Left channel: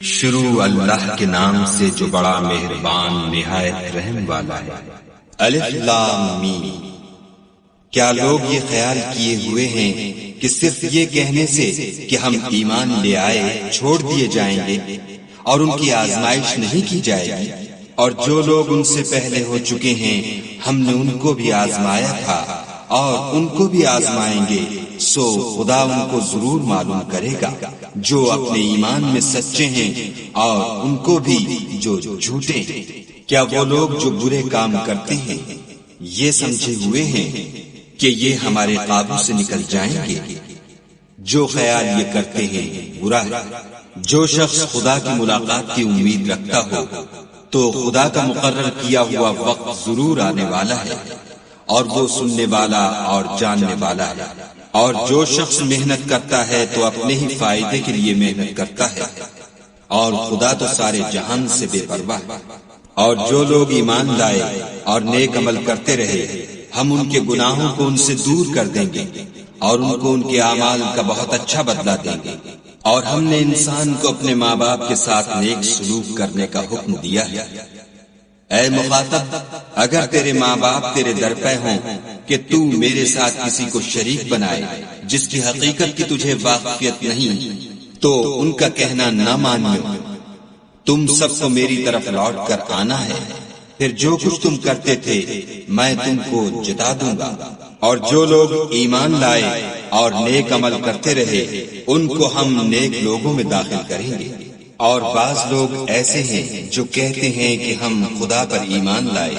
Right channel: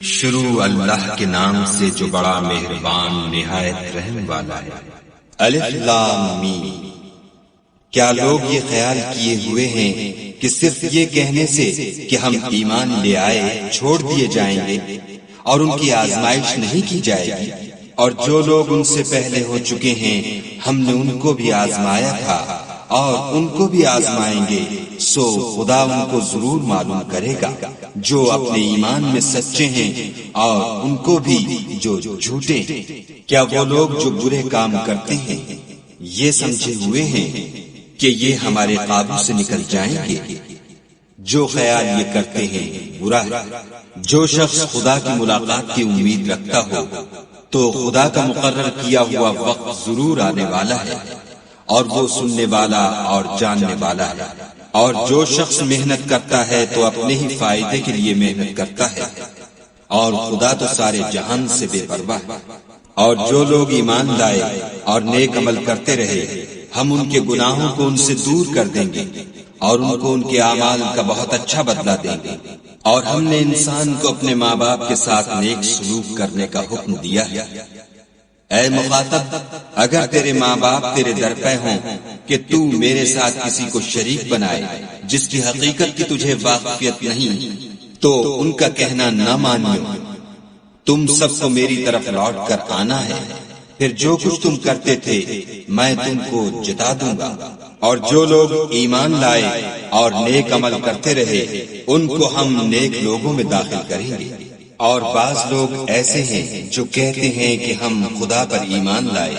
شروع اللہ کے نام سے جو بڑا مہربان نہایت رحم والا ہے۔ الف لام میم۔ کیا لوگ یہ خیال کیے ہوئے ہیں کہ صرف یہ کہنے سے کہ ہم ایمان لے آئے ہیں چھوڑ دیے جائیں گے اور ان کی آزمائش نہیں کی جائے گی؟ اور جو لوگ ان سے پہلے ہو چکے ہیں ہم نے ان کو بھی آزمایا تھا اور ان کو بھی آزمائیں گے، سو خدا ان کو ضرور معلوم کرے گا جو اپنے ایمان میں سچے ہیں اور ان کو بھی جو جھوٹے ہیں۔ کیا وہ لوگ جو برے کام کرتے ہیں یہ سمجھے ہوئے ہیں کہ یہ ہمارے قابو سے نکل جائیں گے؟ جو خیال یہ کرتے ہیں برا ہے۔ جو شخص خدا کی ملاقات کی امید رکھتا ہو تو خدا کا مقرر کیا ہوا وقت ضرور آنے والا ہے اور وہ سننے والا اور جاننے والا ہے۔ اور جو شخص محنت کرتا ہے تو اپنے ہی فائدے کے لیے محنت کرتا ہے اور خدا تو سارے جہان سے بے پرواہ ہے۔ اور جو لوگ ایمان لائے اور نیک عمل کرتے رہے ہم ان کے گناہوں کو ان سے دور کر دیں گے اور ان کو ان کے اعمال کا بہت اچھا بدلہ دیں گے۔ اور ہم نے انسان کو اپنے ماں باپ کے ساتھ نیک سلوک کرنے کا حکم دیا ہے۔ اے مخاطب، اگر تیرے ماں باپ تیرے ڈرتے ہیں کہ تو میرے ساتھ کسی کو شریک بنائے جس کی حقیقت کی تجھے واقفیت نہیں تو ان کا کہنا نہ مانیو، تم سب کو میری طرف لوٹ کر آنا ہے، پھر جو کچھ تم کرتے تھے میں تم کو جتا دوں گا۔ اور جو لوگ ایمان لائے اور نیک عمل کرتے رہے ان کو ہم نیک لوگوں میں داخل کریں گے۔ اور بعض لوگ ایسے ہیں جو کہتے ہیں کہ ہم خدا پر ایمان لائے،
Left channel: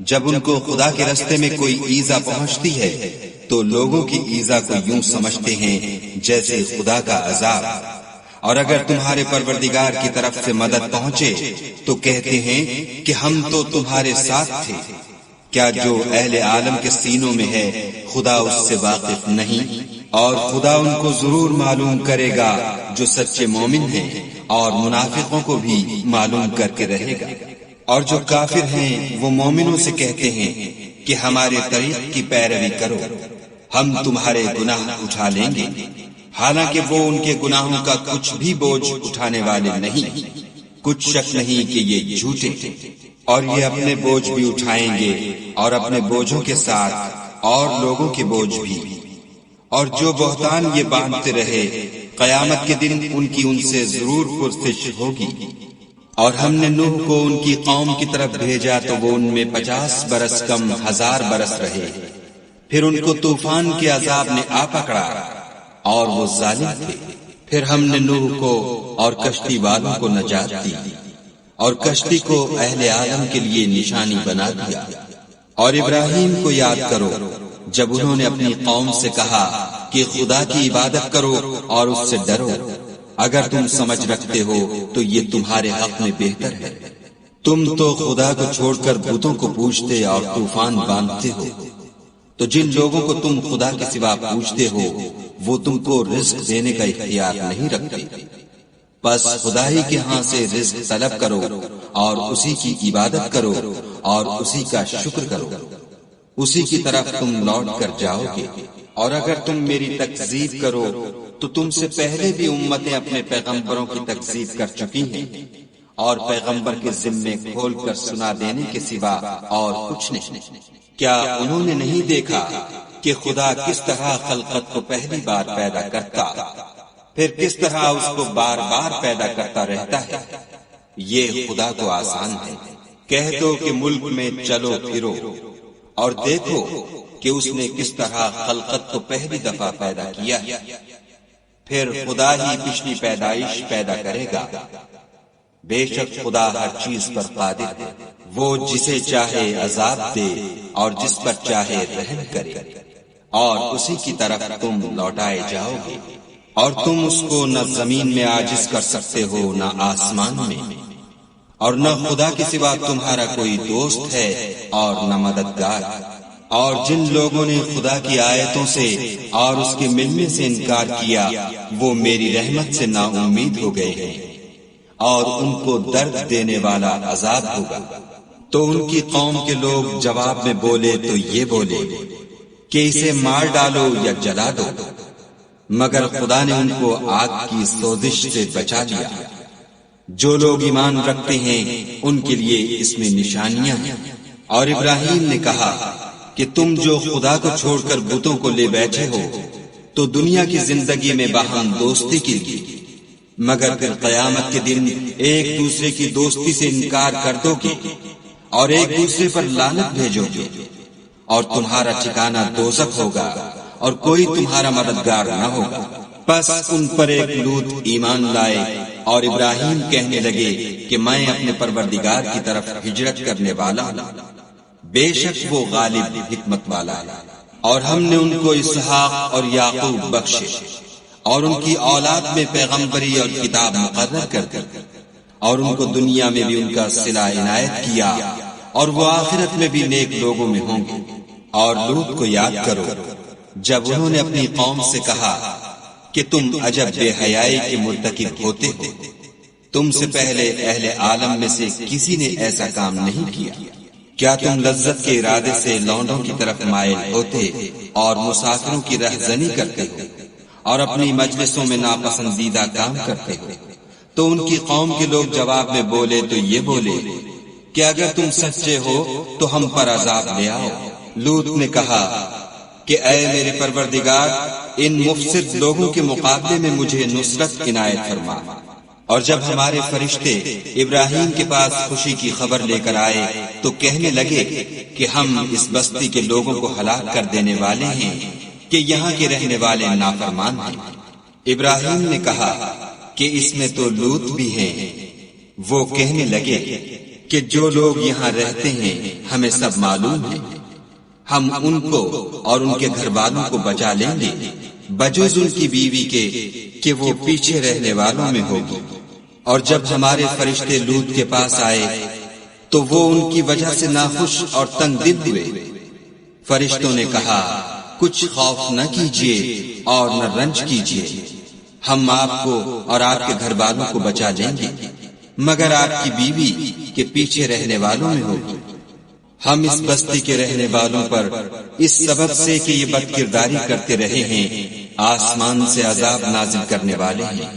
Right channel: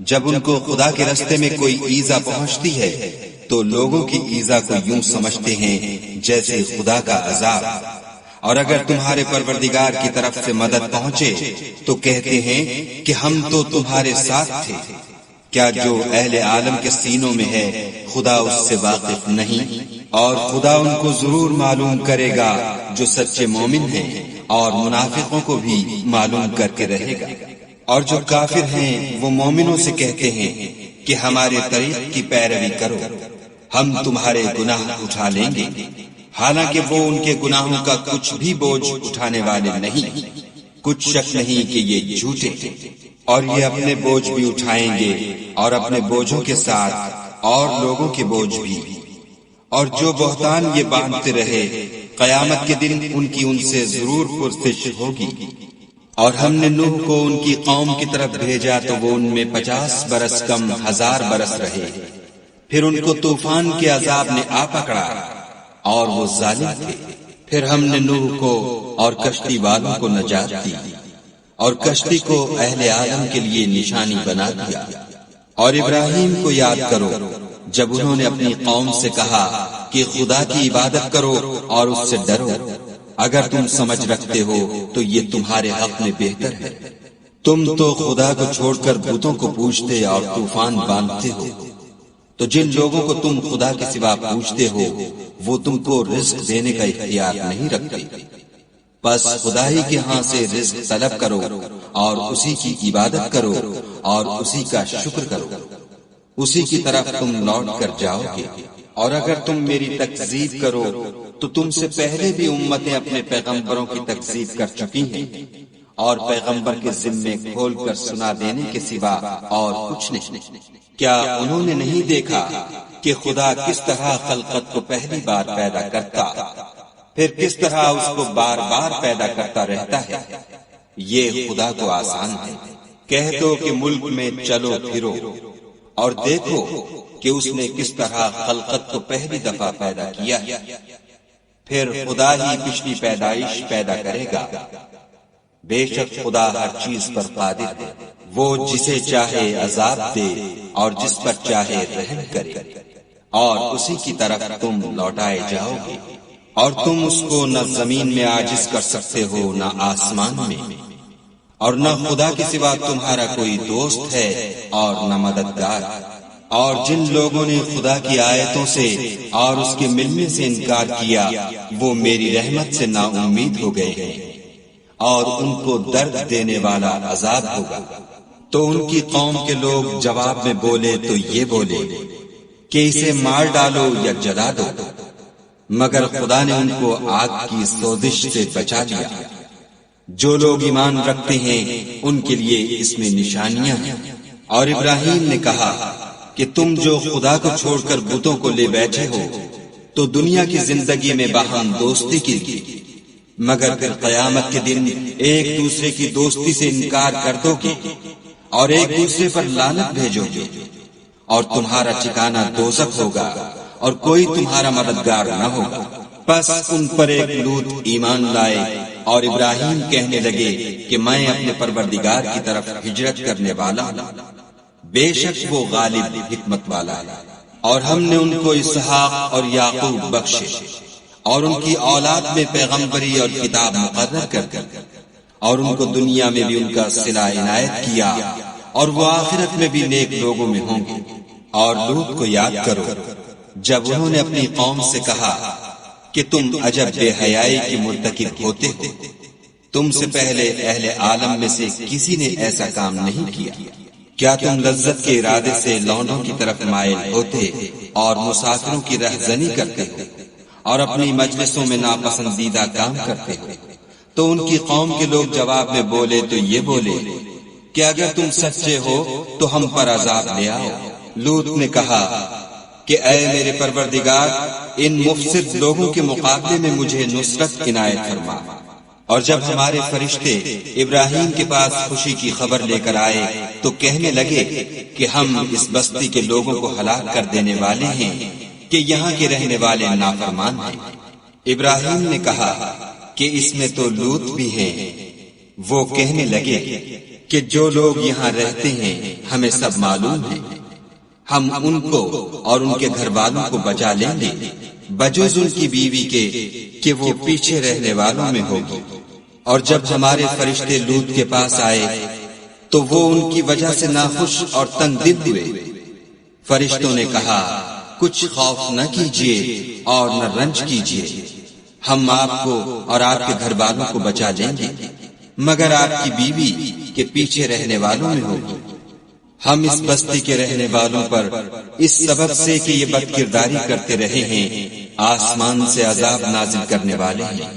جب ان کو خدا کے راستے میں کوئی ایذا پہنچتی ہے تو لوگوں کی ایذا کو یوں سمجھتے ہیں جیسے خدا کا عذاب۔ اور اگر تمہارے پروردگار کی طرف سے مدد پہنچے تو کہتے ہیں کہ ہم تو تمہارے ساتھ تھے۔ کیا جو اہل عالم کے سینوں میں ہے خدا اس سے واقف نہیں؟ اور خدا ان کو ضرور معلوم کرے گا جو سچے مومن ہیں اور منافقوں کو بھی معلوم کر کے رہے گا۔ اور جو کافر ہیں وہ مومنوں سے کہتے ہیں کہ ہمارے طریق کی پیروی کرو، ہم تمہارے گناہ اٹھا لیں گے، حالانکہ وہ ان کے گناہوں کا کچھ بھی بوجھ اٹھانے والے نہیں۔ کچھ شک نہیں کہ یہ جھوٹے ہیں اور یہ اپنے بوجھ بھی اٹھائیں گے اور اپنے بوجھوں کے ساتھ اور لوگوں کے بوجھ بھی۔ اور جو بہتان یہ باندھتے رہے قیامت کے دن ان کی ان سے ضرور پرسش ہوگی۔ اور ہم نے نوح کو ان کی قوم کی طرف بھیجا تو وہ ان میں 50 برس کم 1000 برس رہے، پھر ان کو طوفان کے عذاب نے آ پکڑا اور وہ ظالم تھے۔ پھر ہم نے نوح کو اور کشتی والوں کو نجات دی اور کشتی کو اہل عالم کے لیے نشانی بنا دیا۔ اور ابراہیم کو یاد کرو جب انہوں نے اپنی قوم سے کہا کہ خدا کی عبادت کرو اور اس سے ڈرو، اگر تم سمجھ رکھتے ہو تو یہ تمہارے حق میں بہتر ہے۔ تم تو خدا کو چھوڑ کر بتوں کو پوجتے اور طوفان باندھتے ہو، تو جن لوگوں کو تم خدا کے سوا پوجتے ہو وہ تم کو رزق دینے کا اختیار نہیں رکھتے۔ بس خدائی کے ہاں سے رزق طلب کرو اور اسی کی عبادت کرو اور اسی کا شکر کرو، اسی کی طرف تم لوٹ کر جاؤ گے۔ اور اگر تم میری تکذیب کرو تو تم سے پہلے بھی امتیں اپنے پیغمبروں کی تکذیب کر چکی ہیں اور پیغمبر کے ذمے کھول کر سنا دینے کے سوا اور کچھ نہیں۔ کیا انہوں نے نہیں دیکھا کہ خدا کس طرح خلقت کو پہلی بار پیدا کرتا پھر کس طرح اس کو بار بار پیدا کرتا رہتا ہے؟ یہ خدا کو آسان ہے۔ کہہ دو کہ ملک میں چلو پھرو اور دیکھو کہ اس نے کس طرح خلقت کو پہلی دفعہ پیدا کیا، پھر خدا ہی پچھلی پیدائش پیدا کرے گا۔ بے شک خدا ہر چیز پر قادر ہے، وہ جسے چاہے عذاب دے اور جس پر چاہے رحم کرے، اور اسی کی طرف تم لوٹائے جاؤ گے۔ اور تم اس کو نہ زمین میں عاجز کر سکتے ہو نہ آسمان میں، اور نہ خدا کے سوا تمہارا کوئی دوست ہے اور نہ مددگار۔ اور جن لوگوں نے خدا کی آیتوں سے اور اس کے ملنے سے انکار کیا وہ میری رحمت سے نا امید ہو گئے ہیں اور ان کو درد دینے والا عذاب ہوگا۔ تو ان کی قوم کے لوگ جواب میں بولے تو یہ بولے کہ اسے مار ڈالو یا جلا دو، مگر خدا نے ان کو آگ کی سوزش سے بچا لیا جو لوگ ایمان رکھتے ہیں ان کے لیے اس میں نشانیاں ہیں۔ اور ابراہیم نے کہا کہ تم جو خدا کو چھوڑ کر بتوں کو لے بیٹھے ہو تو دنیا کی زندگی میں باہم دوستی کیجیے، مگر پھر قیامت کے دن ایک دوسرے کی دوستی سے انکار کر دو گے اور ایک دوسرے پر لعنت بھیجو گے، اور تمہارا ٹھکانہ دوزخ ہوگا اور کوئی تمہارا مددگار نہ ہوگا۔ پس ان پر ایک لوط ایمان لائے اور ابراہیم کہنے لگے کہ میں اپنے پروردگار کی طرف ہجرت کرنے والا ہوں، بے شک وہ غالب حکمت والا ہے۔ اور ہم نے ان کو اسحاق اور یعقوب بخشے اور ان کی اولاد میں پیغمبری اور کتاب مقرر کر اور ان کو دنیا میں بھی ان کا صلہ عنایت کیا، اور وہ آخرت میں بھی نیک لوگوں میں ہوں گے۔ اور لوط کو یاد کرو جب انہوں نے اپنی قوم سے کہا کہ تم عجب بے حیائی کے مرتکب ہوتے ہو، تم سے پہلے اہل عالم میں سے کسی نے ایسا کام نہیں کیا۔ کیا تم لذت کے ارادے سے لونڈوں کی طرف مائل ہوتے اور مسافروں کی رہزنی کرتے ہو اور اپنی مجلسوں میں ناپسندیدہ کام کرتے ہو؟ تو ان کی قوم کے لوگ جواب میں بولے تو یہ بولے کہ اگر تم سچے ہو تو ہم پر عذاب لے آؤ۔ لوط نے کہا کہ اے میرے پروردگار، ان مفسد لوگوں کے مقابلے میں مجھے نصرت عنایت فرما۔ اور جب ہمارے فرشتے ابراہیم کے پاس خوشی کی خبر لے کر آئے تو کہنے لگے کہ ہم اس بستی کے لوگوں کو ہلاک کر دینے والے ہیں کہ یہاں کے رہنے والے نافرمان ہیں۔ ابراہیم نے کہا کہ اس میں تو لوط بھی ہیں۔ وہ کہنے لگے کہ جو لوگ یہاں رہتے ہیں ہمیں سب معلوم ہے، ہم ان کو اور ان کے گھر والوں کو بچا لیں گے بجز ان کی بیوی کے کہ وہ پیچھے رہنے والوں میں ہوگی۔ اور جب ہمارے فرشتے لوط کے پاس آئے تو وہ ان کی وجہ سے ناخوش اور تنگ دل ہوئے۔ فرشتوں نے کہا کچھ خوف نہ کیجیے اور نہ رنج کیجیے، ہم آپ کو اور آپ کے گھر والوں کو بچا لیں گے، مگر آپ کی بیوی کے پیچھے رہنے والوں میں ہوگی۔ ہم اس بستی کے رہنے والوں پر اس سبب سے کہ یہ بد کرداری کرتے رہے ہیں آسمان سے عذاب نازل کرنے والے ہیں،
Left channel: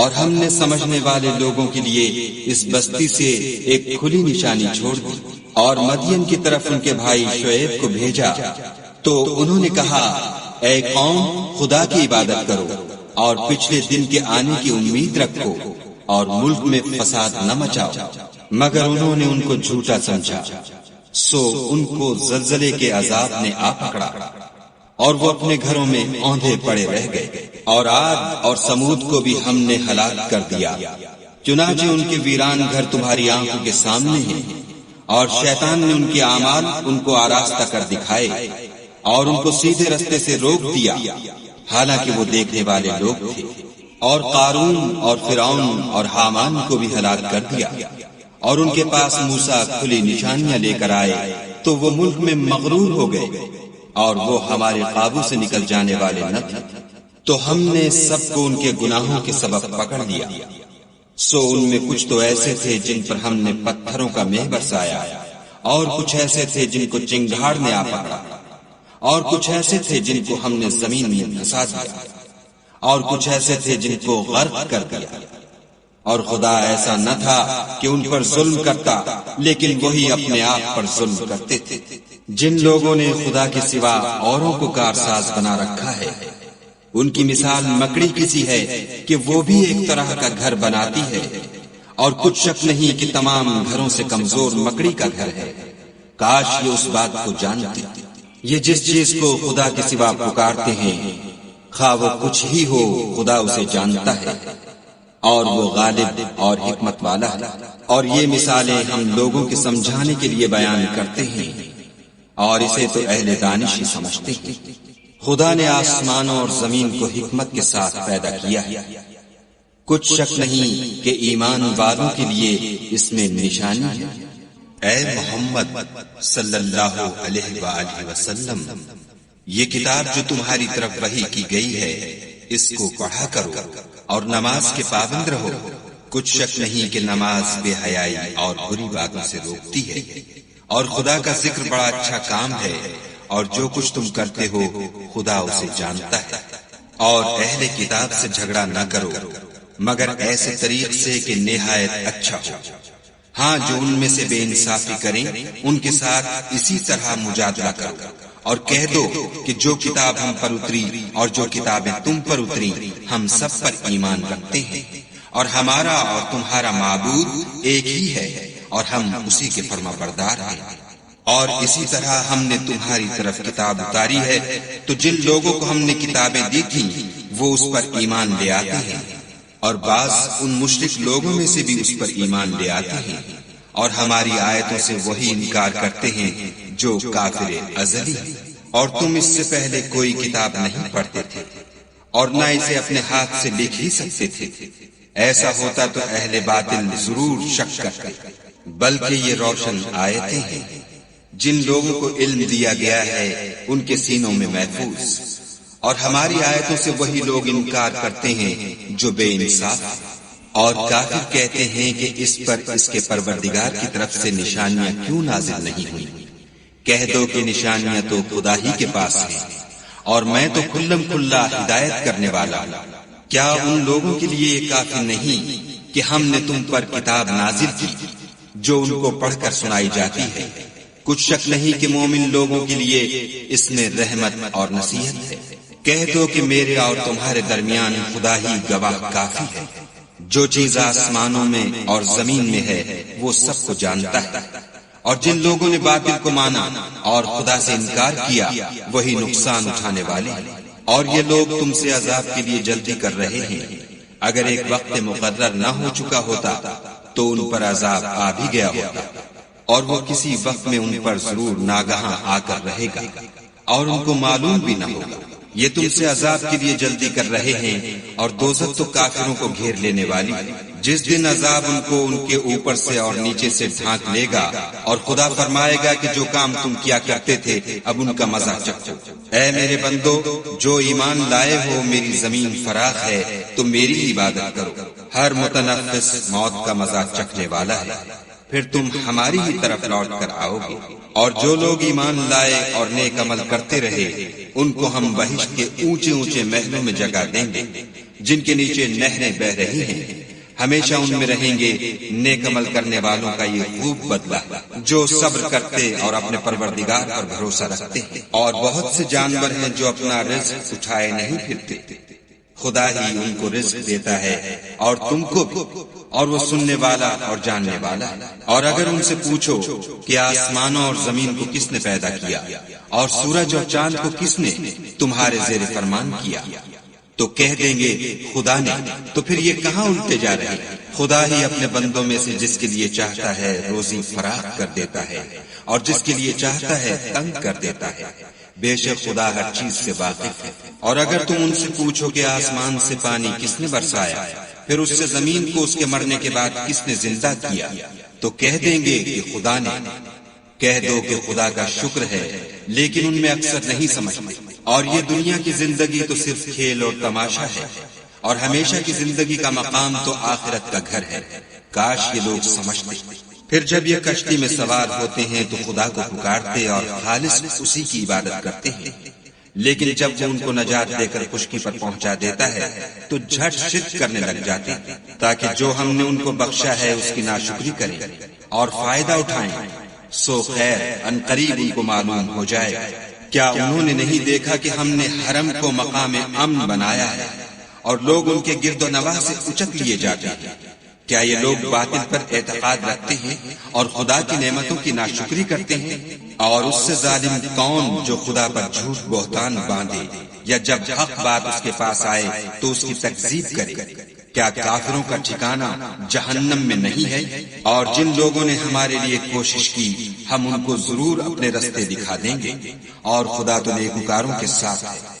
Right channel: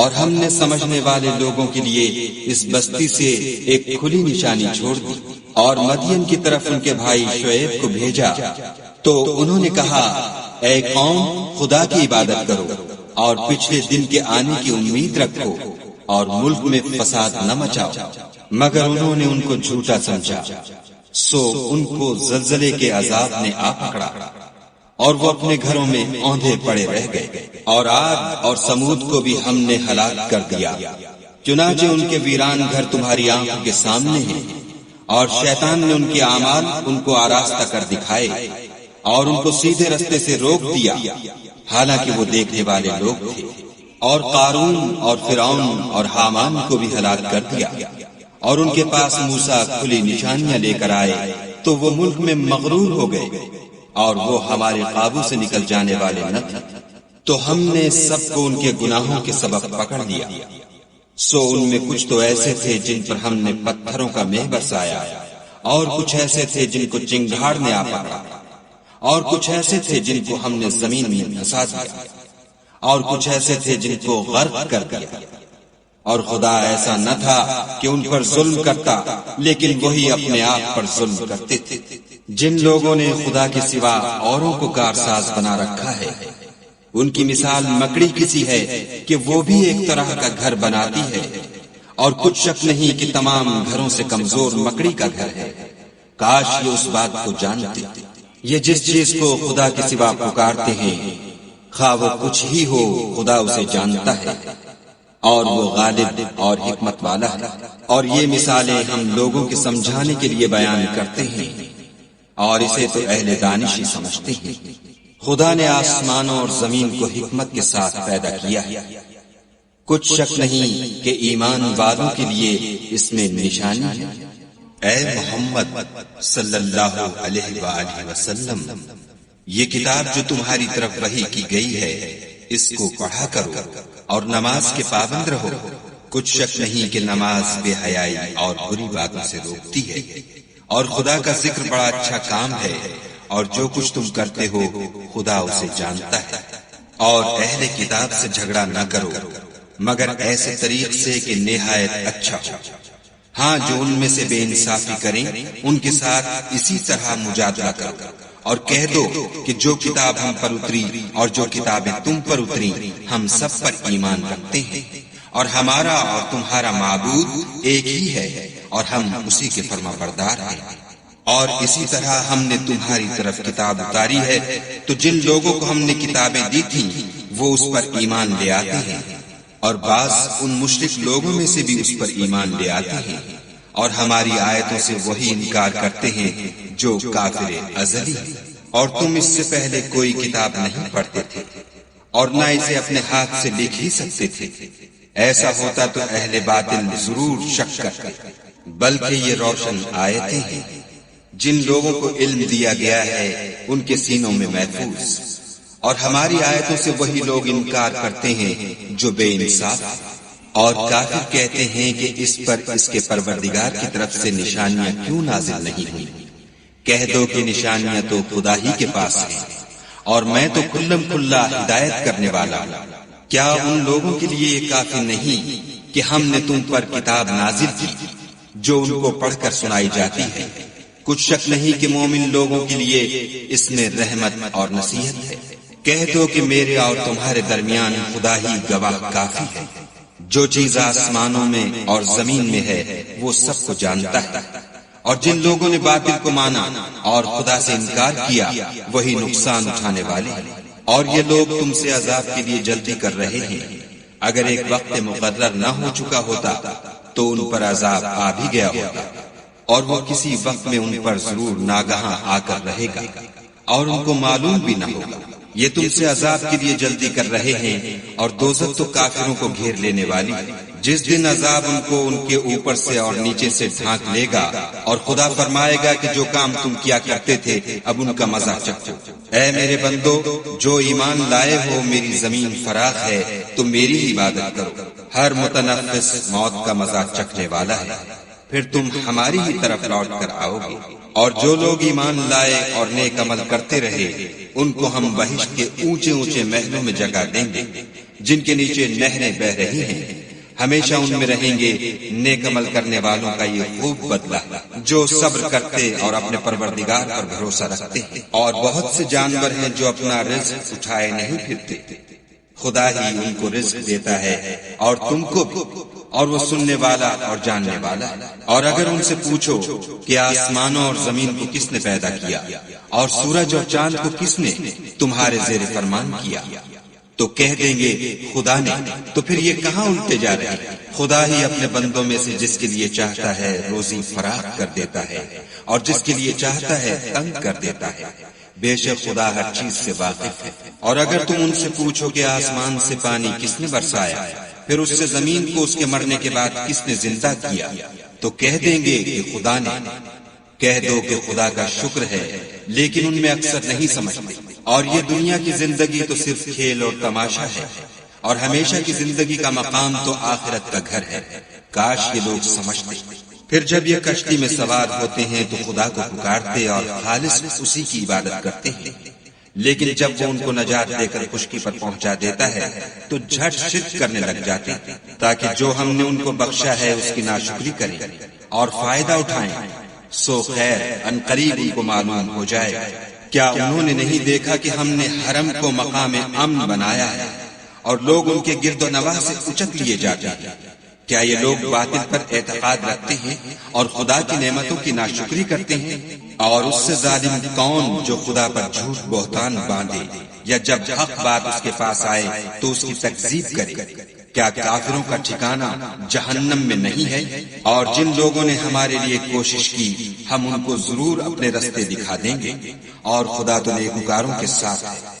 اور ہم نے سمجھنے والے لوگوں کے لیے اس بستی سے ایک کھلی نشانی چھوڑ دی۔ اور مدین کی طرف ان کے بھائی شعیب کو بھیجا تو انہوں نے کہا اے قوم، خدا کی عبادت کرو اور پچھلے دن کے آنے کی امید رکھو اور ملک میں فساد نہ مچاؤ، مگر انہوں نے ان کو جھوٹا سمجھا، سو ان کو زلزلے کے عذاب نے آ پکڑا اور وہ اپنے گھروں میں اوندھے پڑے رہ گئے۔ اور عاد اور سمود کو بھی ہم نے ہلاک کر دیا، چنانچہ ان کے ویران گھر تمہاری آنکھوں کے سامنے ہیں، اور شیطان نے ان کے اعمال ان کو آراستہ کر دکھائے اور ان کو سیدھے رستے سے روک دیا، حالانکہ وہ دیکھنے والے لوگ تھے۔ اور قارون اور فرعون اور حامان کو بھی ہلاک کر دیا، اور ان کے پاس موسیٰ کھلی نشانیاں لے کر آئے تو وہ ملک میں مغرور ہو گئے اور وہ ہمارے قابو سے نکل جانے والے نہ تھے، تو ہم نے سب کو ان کے گناہوں کے سبب پکڑ لیا۔ سو ان میں کچھ تو ایسے تھے جن پر ہم نے پتھروں کا مہ برسایا، اور کچھ ایسے تھے جن کو چنگاڑ نے آ پکڑا، اور کچھ ایسے تھے جن کو ہم نے زمین میں دھسا دیا، اور کچھ ایسے تھے جن کو غرق کر دیا۔ اور خدا ایسا نہ تھا کہ ان پر ظلم کرتا، لیکن وہی اپنے آپ پر ظلم کرتے تھے۔ جن لوگوں نے خدا کے سوا اوروں کو کارساز بنا رکھا ہے، ان کی مثال مکڑی کسی ہے کہ وہ بھی ایک طرح کا گھر بناتی ہے، اور کچھ شک نہیں کہ تمام گھروں سے کمزور مکڑی کا گھر ہے۔ کاش یہ اس بات کو جانتے، یہ جس چیز کو خدا کے سوا پکارتے ہیں خواہ وہ کچھ ہی ہو، خدا اسے جانتا ہے اور وہ غالب اور حکمت والا ہے۔ اور یہ مثالیں ہم لوگوں کی سمجھانے کے لیے بیان کرتے ہیں، اور اسے تو اہل دانش ہی سمجھتے ہیں۔ خدا نے آسمانوں اور زمین کو حکمت کے ساتھ پیدا کیا ہے، کچھ شک نہیں کہ ایمان والوں کے لیے اس میں نشانی ہے۔ اے محمد صلی اللہ علیہ وآلہ وسلم، یہ کتاب جو تمہاری طرف وحی کی گئی ہے اس کو پڑھا کرو اور نماز کے پابند رہو۔ کچھ شک نہیں کہ نماز بے حیائی اور بری باتوں سے روکتی ہے، اور خدا کا ذکر بڑا اچھا کام ہے، اور جو کچھ تم کرتے ہو خدا اسے جانتا ہے۔ اور اہل کتاب سے جھگڑا نہ کرو، مگر ایسے طریق سے کہ نہایت اچھا ہو۔ ہاں جو ان میں سے بے انصافی کریں ان کے ساتھ اسی طرح مجادلہ کرو، اور کہہ دو کہ جو کتاب ہم پر اتری اور جو کتابیں تم پر اتری ہم سب پر ایمان رکھتے ہیں، اور ہمارا اور تمہارا معبود ایک ہی ہے، اور ہم اسی کے فرما بردار ہیں۔ اور اسی طرح ہم نے تمہاری طرف کتاب اتاری ہے تو جن لوگوں کو ہم نے کتابیں دی تھی وہ اس پر ایمان لے آتے ہیں، اور بعض ان مشرک لوگوں میں سے بھی اس پر ایمان لے آتے ہیں، اور ہماری آیتوں سے وہی انکار کرتے ہیں جو کافر ازل ہے۔ اور تم اس سے پہلے کوئی کتاب نہیں پڑھتے تھے اور نہ اسے اپنے ہاتھ سے لکھ ہی سکتے تھے، ایسا ہوتا تو اہل باطل ضرور شک کرتے، بلکہ یہ روشن آیتیں ہیں۔ جن لوگوں کو علم دیا گیا ہے ان کے سینوں میں محفوظ، اور ہماری آیتوں سے وہی لوگ انکار کرتے ہیں جو بے انصاف، اور کافر کہتے ہیں کہ اس پر اس کے پروردگار کی طرف سے نشانیاں کیوں نازل نہیں ہوئی؟ کہہ دو کہ نشانیاں تو خدا ہی کے پاس ہیں، اور میں تو کلم کلا ہدایت کرنے والا ہوں۔ کیا ان لوگوں کے لیے یہ کافی نہیں کہ ہم نے تم پر کتاب نازل کی جو ان کو پڑھ کر سنائی جاتی ہے؟ کچھ شک نہیں کہ مومن لوگوں کے لیے اس میں رحمت اور نصیحت ہے۔ کہہ دو کہ میرے اور تمہارے درمیان خدا ہی گواہ کافی ہے، جو چیز آسمانوں میں اور زمین میں ہے وہ سب کو جانتا ہے۔ اور جن لوگوں نے باطل کو مانا اور خدا سے انکار کیا وہی نقصان اٹھانے والے ہیں، اور یہ لوگ تم سے عذاب کے لیے جلدی کر رہے ہیں۔ اگر ایک وقت مقرر نہ ہو چکا ہوتا تو ان پر عذاب آ بھی گیا ہوتا، اور وہ کسی وقت میں ان پر ضرور ناگہاں آ کر رہے گا، اور ان کو معلوم بھی نہ ہوگا۔ یہ تم سے عذاب کے لیے جلدی کر رہے ہیں، اور دوزخ تو کافروں کو گھیر لینے والی ہے۔ جس دن عذاب ان کو ان کے اوپر سے اور نیچے سے ڈھانک لے گا، اور خدا فرمائے گا کہ جو کام تم کیا کرتے تھے اب ان کا مزہ چکھو۔ اے میرے بندو، جو ایمان لائے ہو میری زمین فراخ ہے، تم میری عبادت کرو۔ ہر متنفس موت کا مزہ چکھنے والا ہے، پھر تم ہماری ہی طرف لوٹ کر آؤ گے۔ اور جو لوگ ایمان لائے اور نیک عمل کرتے رہے ان کو ہم بہشت کے اونچے اونچے محلوں میں جگہ دیں گے جن کے نیچے نہریں بہہ رہی ہیں، ہمیشہ ان میں رہیں گے۔ نیک عمل کرنے والوں کا یہ خوب بدلہ ہے جو صبر کرتے اور اپنے پروردگار پر بھروسہ رکھتے ہیں۔ اور بہت سے جانور ہیں جو اپنا رزق اٹھائے نہیں پھرتے، خدا ہی ان کو رزق دیتا ہے اور تم کو بھی، اور وہ سننے والا اور جاننے والا ہے۔ اور اگر ان سے پوچھو کہ آسمانوں اور زمین کو کس نے پیدا کیا اور سورج اور چاند کو کس نے تمہارے زیر فرمان کیا، تو کہہ دیں گے خدا نے۔ تو پھر یہ کہاں الٹے جا رہے ہیں؟ خدا ہی اپنے بندوں میں سے جس کے لیے چاہتا ہے روزی فراخ کر دیتا ہے، اور جس کے لیے چاہتا ہے تنگ کر دیتا ہے۔ بے شک خدا ہر چیز سے واقف ہے۔ اور اگر تم ان سے پوچھو کہ آسمان سے پانی کس نے برسایا، پھر اس سے زمین کو اس کے مرنے کے بعد کس نے زندہ کیا، تو کہہ دیں گے کہ خدا نے۔ کہہ دو کہ خدا کا شکر ہے، لیکن ان میں اکثر نہیں سمجھتے۔ اور یہ دنیا کی زندگی تو صرف کھیل اور تماشا ہے، اور ہمیشہ کی زندگی کا مقام تو آخرت کا گھر ہے۔ کاش یہ لوگ سمجھتے۔ پھر جب یہ کشتی میں سوار ہوتے ہیں تو خدا کو پکارتے اور خالص اسی کی عبادت کرتے ہیں، لیکن جب وہ ان کو نجات دے کر خشکی پر پہنچا دیتا ہے تو جھٹ شرک کرنے لگ جاتے ہیں، تاکہ جو ہم نے ان کو بخشا ہے اس کی ناشکری کریں اور فائدہ اٹھائیں۔ سو خیر ان قریب ان کو معلوم ہو جائے۔ کیا انہوں نے نہیں دیکھا کہ ہم نے حرم کو مقام امن بنایا ہے اور لوگ ان کے گرد و نواح سے اچک لیے جاتے ہیں؟ کیا یہ لوگ باطل پر اعتقاد رکھتے ہیں اور خدا کی نعمتوں کی ناشکری کرتے ہیں؟ اور اس سے ظالم کون جو خدا پر جھوٹ بہتان باندھے یا جب حق بات اس کے پاس آئے تو اس کی تکذیب کرے؟ کیا کافروں کا ٹھکانہ جہنم میں نہیں ہے؟ اور جن لوگوں نے ہمارے لیے کوشش کی ہم ان کو ضرور اپنے رستے دکھا دیں گے، اور خدا تو نیکوکاروں کے ساتھ ہے۔